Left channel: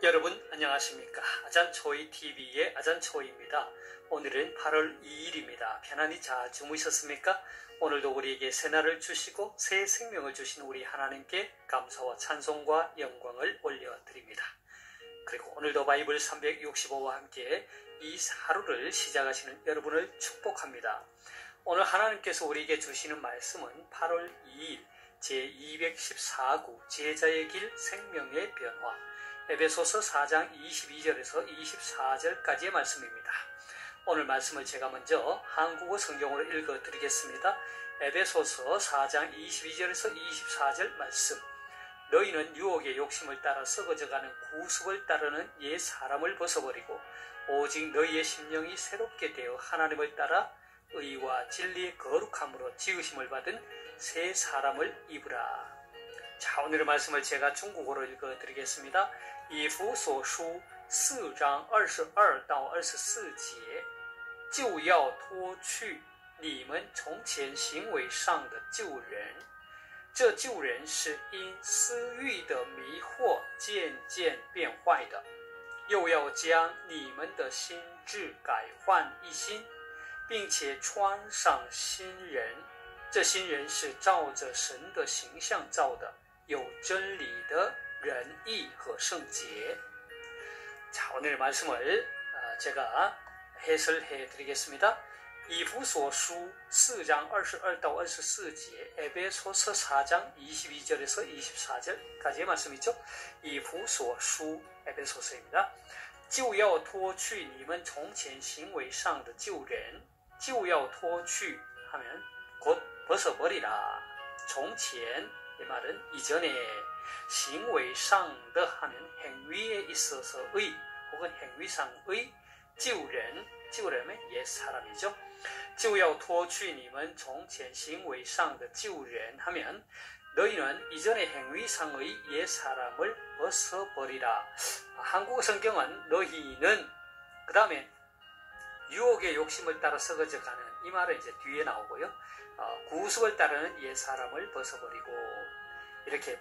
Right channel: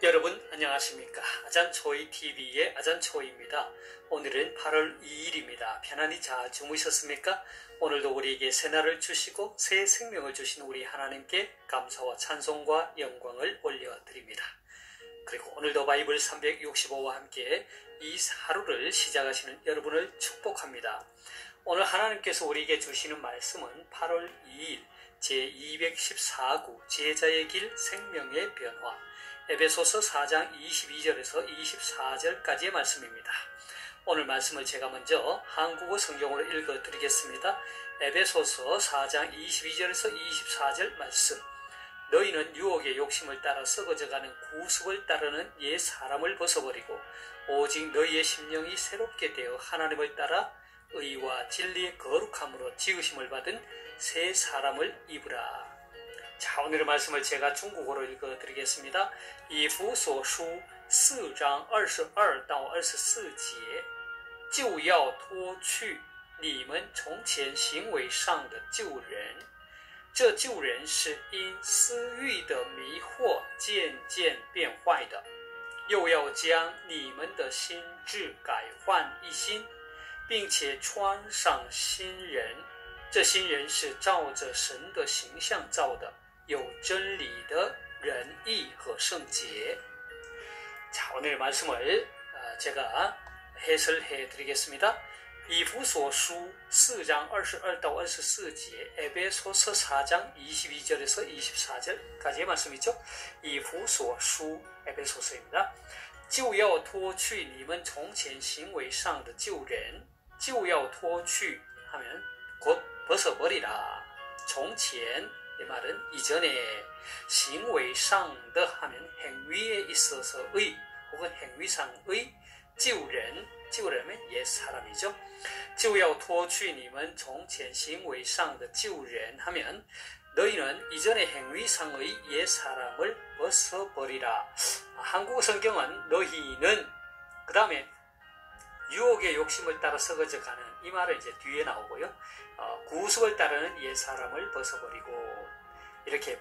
여러분 안녕하십니까? 아잔초이TV의 아잔초이입니다. 오늘은 8월 2일입니다. 편안히 잘 주무셨습니까? 오늘도 우리에게 새날을 주시고 새 생명을 주신 우리 하나님께 감사와 찬송과 영광을 올려드립니다. 그리고 오늘도 바이블 365와 함께 이 하루를 시작하시는 여러분을 축복합니다. 오늘 하나님께서 우리에게 주시는 말씀은 8월 2일 제214구 제자의 길 생명의 변화 에베소서 4장 22절에서 24절까지의 말씀입니다. 오늘 말씀을 제가 먼저 한국어 성경으로 읽어드리겠습니다. 에베소서 4장 22절에서 24절 말씀. 너희는 유혹의 욕심을 따라 썩어져가는 구습을 따르는 옛 사람을 벗어버리고 오직 너희의 심령이 새롭게 되어 하나님을 따라 의와 진리의 거룩함으로 지으심을 받은 새 사람을 입으라. 자, 오늘의 말씀을 제가 중국어로 읽어드리겠습니다. 以弗所书4章22到24节就要脱去你们从前行为上的旧人，这旧人是因私欲的迷惑渐渐变坏的，又要将你们的心志改换一新，并且穿上新人，这新人是照着神的形象造的，有真理的仁义和圣洁。 자, 오늘의 말씀을 제가 해설해 드리겠습니다. 이후소수 4장 22到24节 에베소서 4장 22절에서 24절까지의 말씀이죠. 이후소수 에베소서입니다. 就要脱去你们从前行为上的旧人，就要脱去 하면 곧 벗어버리라. 从前이 말은 이전에 行为上的 하면 행위에 있어서의 혹은 행위상의 旧人 旧人은 옛 사람이죠. 就要脱去你们从前行为上的旧人 하면 너희는 이전의 행위상의 옛 사람을 벗어버리라. 한국어 성경은 너희는 그 다음에 유혹의 욕심을 따라 썩어져가는 이 말은 이제 뒤에 나오고요. 구습을 따르는 옛 사람을 벗어버리고 이렇게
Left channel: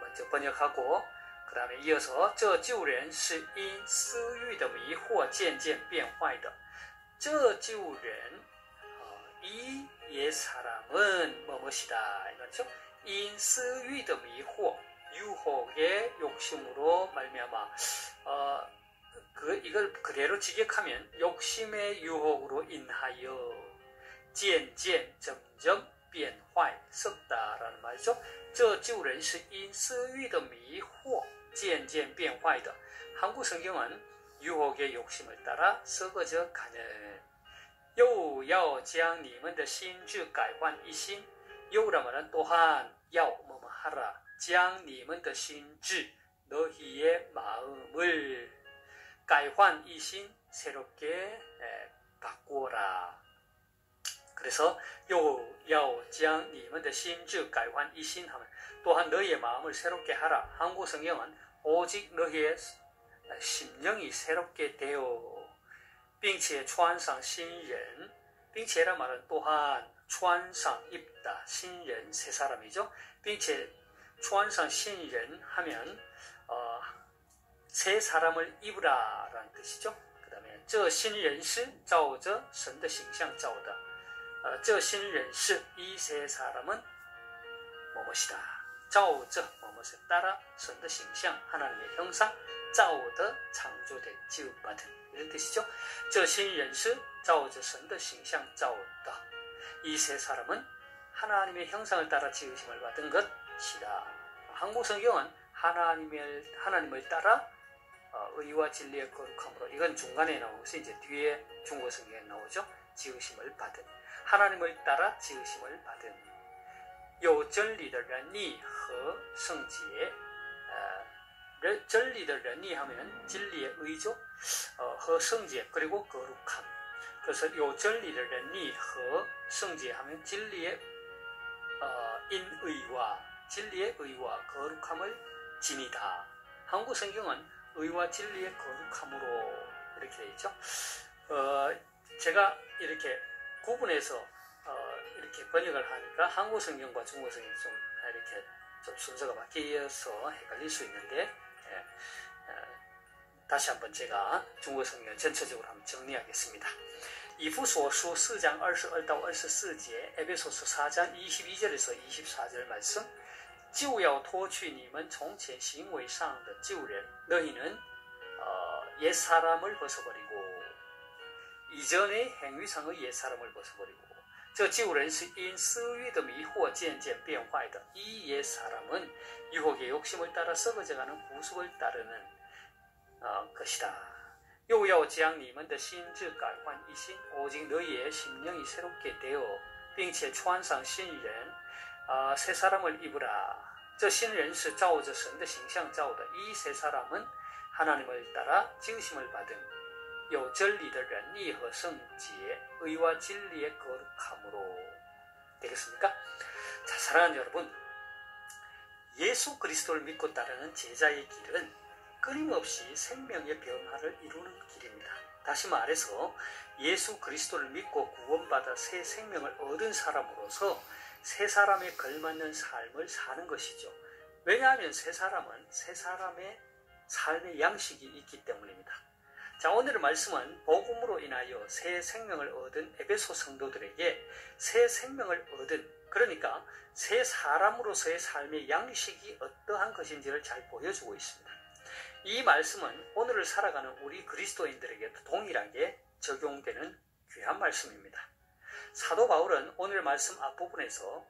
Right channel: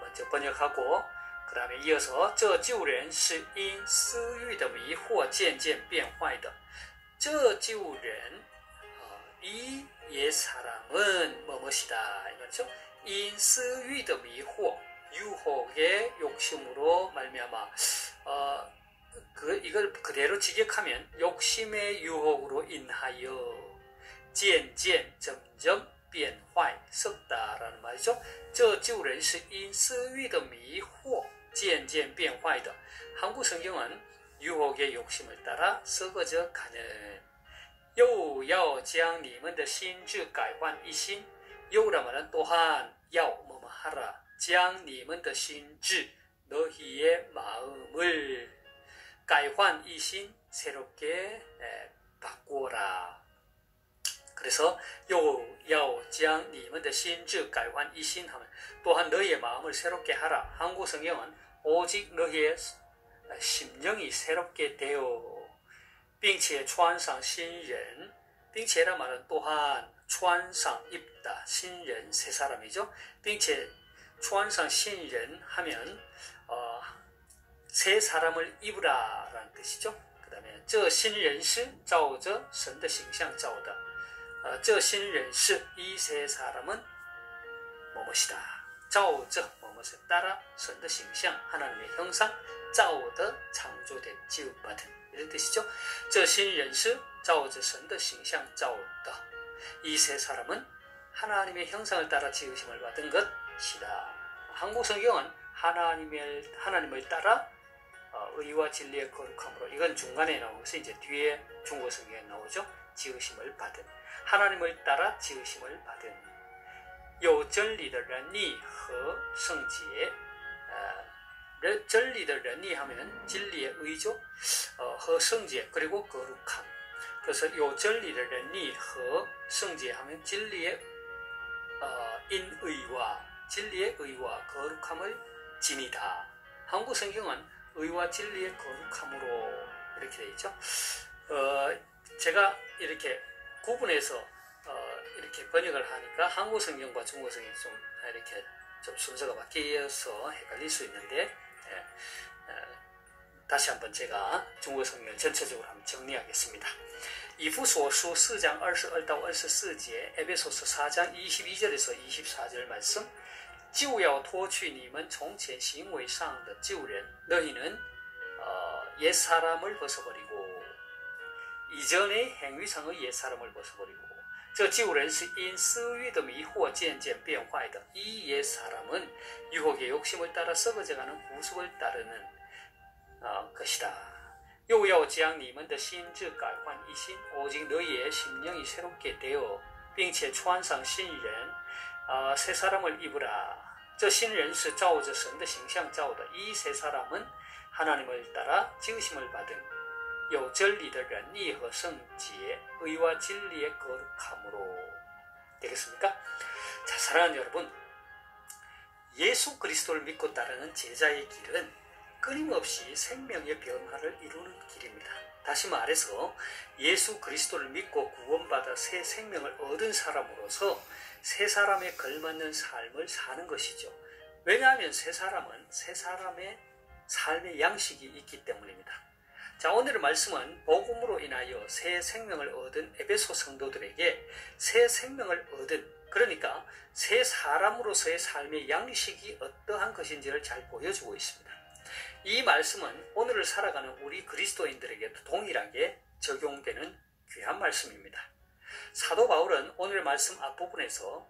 먼저 번역하고 그 다음에 이어서 这旧人是因私欲的迷惑渐渐变坏的这旧人이 옛 사람은 뭐뭇이다 이거죠. 因私欲的迷惑 유혹의 욕심으로 말미암아 이걸 그대로 직역하면 욕심의 유혹으로 인하여 渐渐 점점 变坏 썩다라는 말이죠. 这旧人是因私欲的迷惑渐渐变坏的 한국 성경은 유혹의 욕심을 따라 썩어져 가는 又要将你们的心志改换一新 여우라 말은 또한 要 뭐뭐 하라 将你们的心志 너희의 마음을 改换一新 새롭게 바꾸어라. 그래서 又要将你们的心志改换一新 하면 또한 너희의 마음을 새롭게 하라. 한국 성경은 오직 너희의 심령이 새롭게 되어 并且穿上新人 并且란 말은 또한 穿上 입다. 신人새 사람이죠. 并且穿上新人 하면 새 사람을 입으라 라는 뜻이죠. 그 다음에 这新人是照着神的形象造的这新人是이 새 사람은 뭐뭇이다. 照着 뭐뭇에 따라神的形象 하나님의 형상 造的 창조된 지음받은 이런 뜻이죠. 这新人是照着神的形象造的이 새 사람은 하나님의 형상을 따라 지으심을 받은 것이다. 한국 성경은 하나님을 따라 의와 진리의 거룩함으로 이건 중간에 나오면서 이제 뒤에 중국 성경에 나오죠. 지으심을 받은 하나님을 따라 지으심을 받은 有真理的仁义和圣洁 真理的仁义 하면 진리의 의죠. 和圣洁 그리고 거룩함. 그래서 有真理的仁义和圣洁 하면 진리의 인의와 진리의 의와 거룩함을 지니다. 한국 성경은 의와 진리의 거룩함으로 이렇게 되어 있죠. 제가 이렇게 구분해서 이렇게 번역을 하니까 한국 성경과 중국 성경이 좀 이렇게 좀 순서가 바뀌어서 헷갈릴 수 있는데 다시 한번 제가 중국어 성경 전체적으로 한번 정리하겠습니다. 이후소서 4장 22-24节, 에베소서 4장 22절에서 24절 말씀. 就要脱去你们从前行为上的旧人, 너희는 옛사람을 벗어버리고, 이전의 행위상의 옛사람을 벗어버리고, 这旧人是因私欲的迷惑渐渐变坏的. 이 옛사람은 유혹의 욕심을 따라 썩어져가는 구습을 따르는 것이다. 又要将你们的心志改换一新, 오직 너희의 심령이 새롭게 되어, 并且穿上新人, 새 사람을 입으라. 这新人是照着神的形象造的. 이 새 사람은 하나님을 따라 지으심을 받은, 有真理的仁义和圣洁, 의와 진리의 거룩함으로. 되겠습니까? 자, 사랑하는 여러분, 예수 그리스도를 믿고 따르는 제자의 길은 끊임없이 생명의 변화를 이루는 길입니다. 다시 말해서 예수 그리스도를 믿고 구원받아 새 생명을 얻은 사람으로서 새 사람에 걸맞는 삶을 사는 것이죠. 왜냐하면 새 사람은 새 사람의 삶의 양식이 있기 때문입니다. 자, 오늘의 말씀은 복음으로 인하여 새 생명을 얻은 에베소 성도들에게 새 생명을 얻은, 그러니까 새 사람으로서의 삶의 양식이 어떠한 것인지를 잘 보여주고 있습니다. 이 말씀은 오늘을 살아가는 우리 그리스도인들에게도 동일하게 적용되는 귀한 말씀입니다. 사도 바울은 오늘 말씀 앞부분에서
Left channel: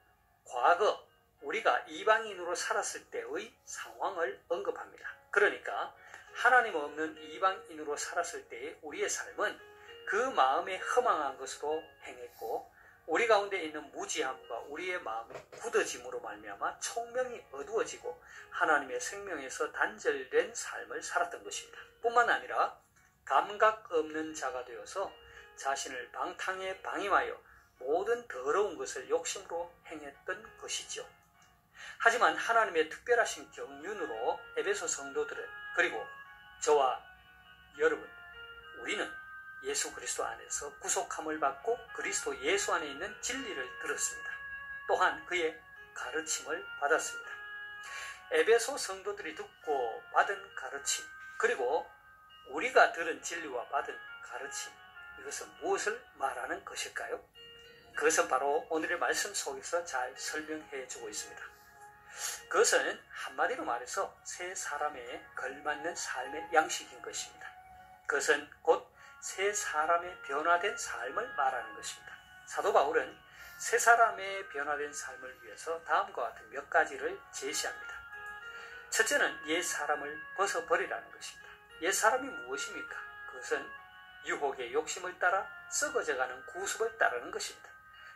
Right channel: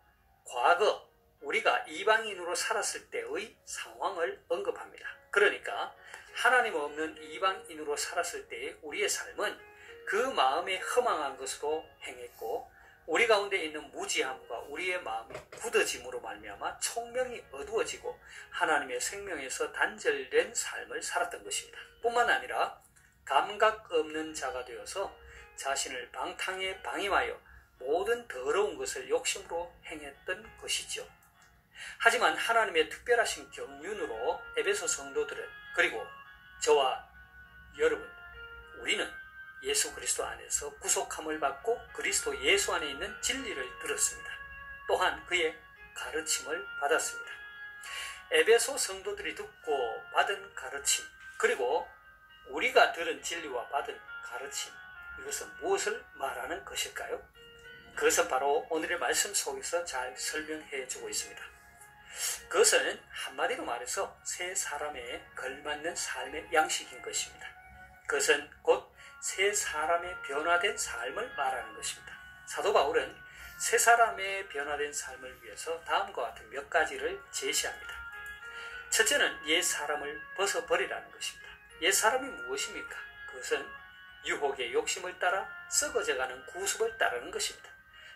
과거 우리가 이방인으로 살았을 때의 상황을 언급합니다. 그러니까 하나님 없는 이방인으로 살았을 때의 우리의 삶은 그 마음에 허망한 것으로 행했고, 우리 가운데 있는 무지함과 우리의 마음이 굳어짐으로 말미암아 총명이 어두워지고 하나님의 생명에서 단절된 삶을 살았던 것입니다. 뿐만 아니라 감각 없는 자가 되어서 자신을 방탕에 방임하여 모든 더러운 것을 욕심으로 행했던 것이죠. 하지만 하나님의 특별하신 경륜으로 에베소 성도들은, 그리고 저와 여러분, 우리는 예수 그리스도 안에서 구속함을 받고 그리스도 예수 안에 있는 진리를 들었습니다. 또한 그의 가르침을 받았습니다. 에베소 성도들이 듣고 받은 가르침, 그리고 우리가 들은 진리와 받은 가르침, 이것은 무엇을 말하는 것일까요? 그것은 바로 오늘의 말씀 속에서 잘 설명해 주고 있습니다. 그것은 한마디로 말해서 새 사람에 걸맞는 삶의 양식인 것입니다. 그것은 곧 새 사람의 변화된 삶을 말하는 것입니다. 사도 바울은 새 사람의 변화된 삶을 위해서 다음과 같은 몇 가지를 제시합니다. 첫째는 옛 사람을 벗어버리라는 것입니다. 옛 사람이 무엇입니까? 그것은 유혹의 욕심을 따라 썩어져가는 구습을 따르는 것입니다.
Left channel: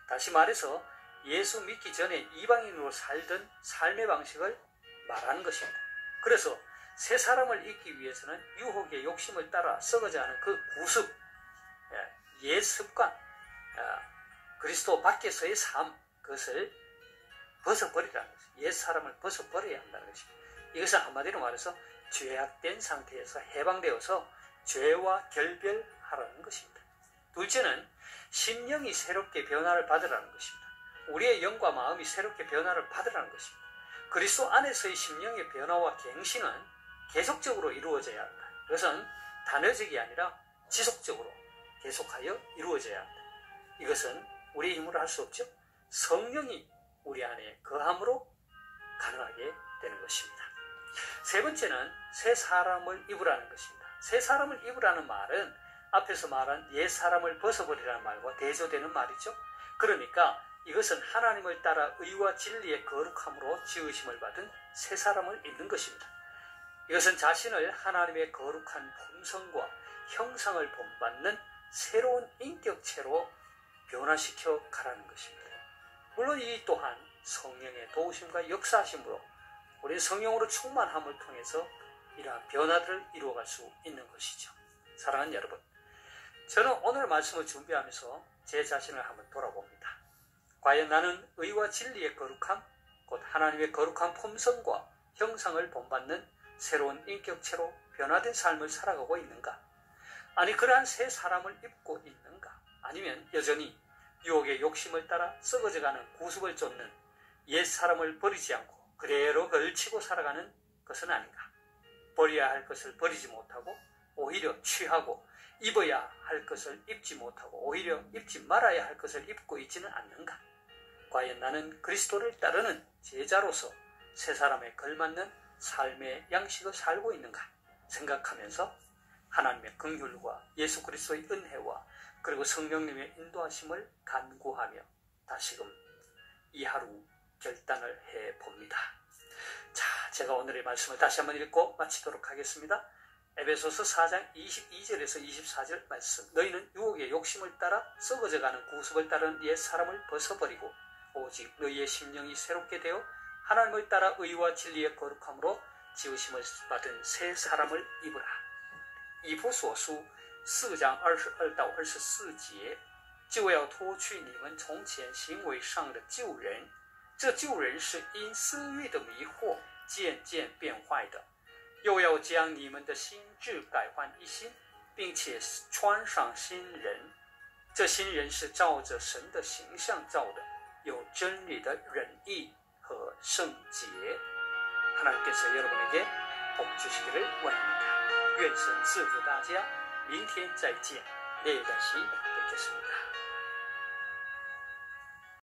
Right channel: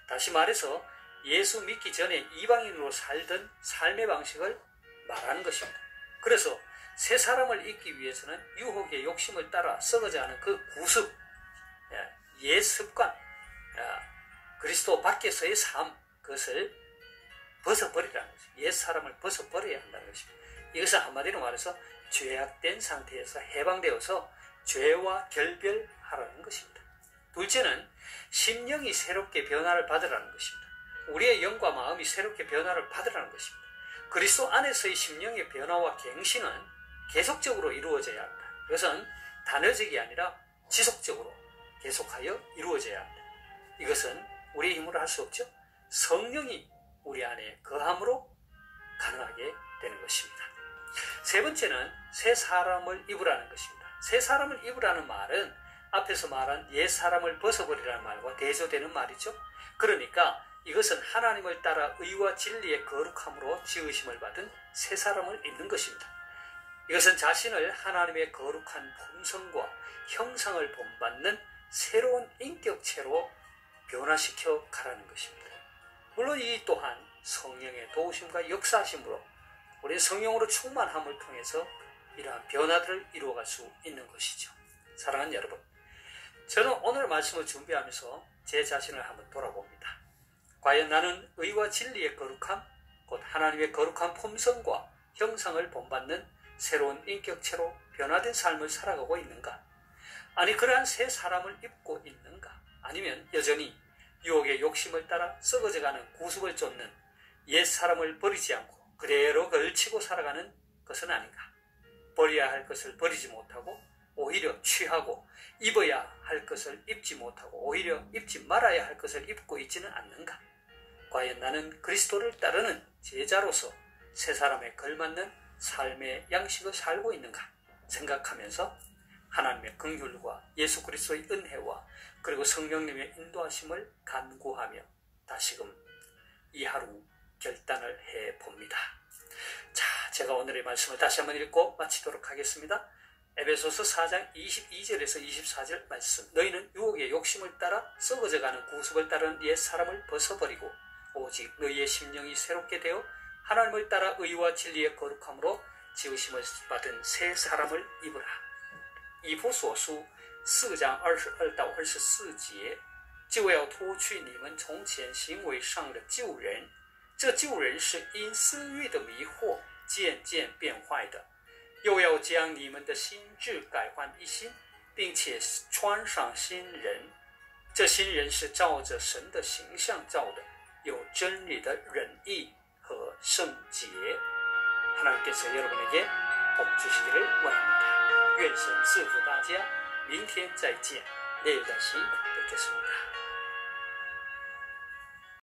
다시 말해서 예수 믿기 전에 이방인으로 살던 삶의 방식을 말하는 것입니다. 그래서 새 사람을 잊기 위해서는 유혹의 욕심을 따라 썩어져가는 그 구습, 옛 습관, 그리스도 밖에서의 삶, 그것을 벗어버리라는 것입니다. 옛 사람을 벗어버려야 한다는 것입니다. 이것은 한마디로 말해서 죄악된 상태에서 해방되어서 죄와 결별하라는 것입니다. 둘째는 심령이 새롭게 변화를 받으라는 것입니다. 우리의 영과 마음이 새롭게 변화를 받으라는 것입니다. 그리스도 안에서의 심령의 변화와 갱신은 계속적으로 이루어져야 합니다. 이것은 단회적이 아니라 지속적으로 계속하여 이루어져야 합니다. 이것은 우리의 힘으로 할 수 없죠. 성령이 우리 안에 거함으로 가능하게 되는 것입니다. 세 번째는 새 사람을 입으라는 것입니다. 새 사람을 입으라는 말은 앞에서 말한 옛 사람을 벗어버리라는 말과 대조되는 말이죠. 그러니까 이것은 하나님을 따라 의와 진리의 거룩함으로 지으심을 받은 새 사람을 입는 것입니다. 이것은 자신을 하나님의 거룩한 품성과 형상을 본받는 새로운 인격체로 변화시켜 가라는 것입니다. 물론 이 또한 성령의 도우심과 역사하심으로 우리 성령으로 충만함을 통해서 이러한 변화들을 이루어갈 수 있는 것이죠. 사랑하는 여러분, 저는 오늘 말씀을 준비하면서 제 자신을 한번 돌아봅니다. 과연 나는 의와 진리의 거룩함, 곧 하나님의 거룩한 품성과 형상을 본받는 새로운 인격체로 변화된 삶을 살아가고 있는가? 아니, 그러한 새 사람을 입고 있는가? 아니면 여전히 유혹의 욕심을 따라 썩어져가는 구습을 쫓는 옛 사람을 버리지 않고 그대로 걸치고 살아가는 것은 아닌가? 버려야 할 것을 버리지 못하고 오히려 취하고 입어야 할 것을 입지 못하고 오히려 입지 말아야 할 것을 입고 있지는 않는가? 과연 나는 그리스도를 따르는 제자로서 새 사람에 걸맞는 삶의 양식을 살고 있는가 생각하면서 하나님의 긍휼과 예수 그리스도의 은혜와 그리고 성령님의 인도하심을 간구하며 다시금 이 하루 결단을 해봅니다. 자, 제가 오늘의 말씀을 다시 한번 읽고 마치도록 하겠습니다. 에베소서 4장 22절에서 24절 말씀. 너희는 유혹의 욕심을 따라 썩어져가는 구습을 따르는 옛 사람을 벗어버리고 오직 너희의 심령이 새롭게 되어 하나님을 따라 의와 진리의 거룩함으로 지으심을 받은 새 사람을 입으라.以弗所书4章22到24节，就要脱去你们从前行为上的旧人，这旧人是因私欲的迷惑渐渐变坏的，又要将你们的心智改换一新，并且穿上新人。这新人是照着神的形象造的，有真理的仁义和圣洁。 하나님께서 여러분에게 복 주시기를 원합니다. 愿神赐福大家，明天再见，내일 다시 뵙겠습니다.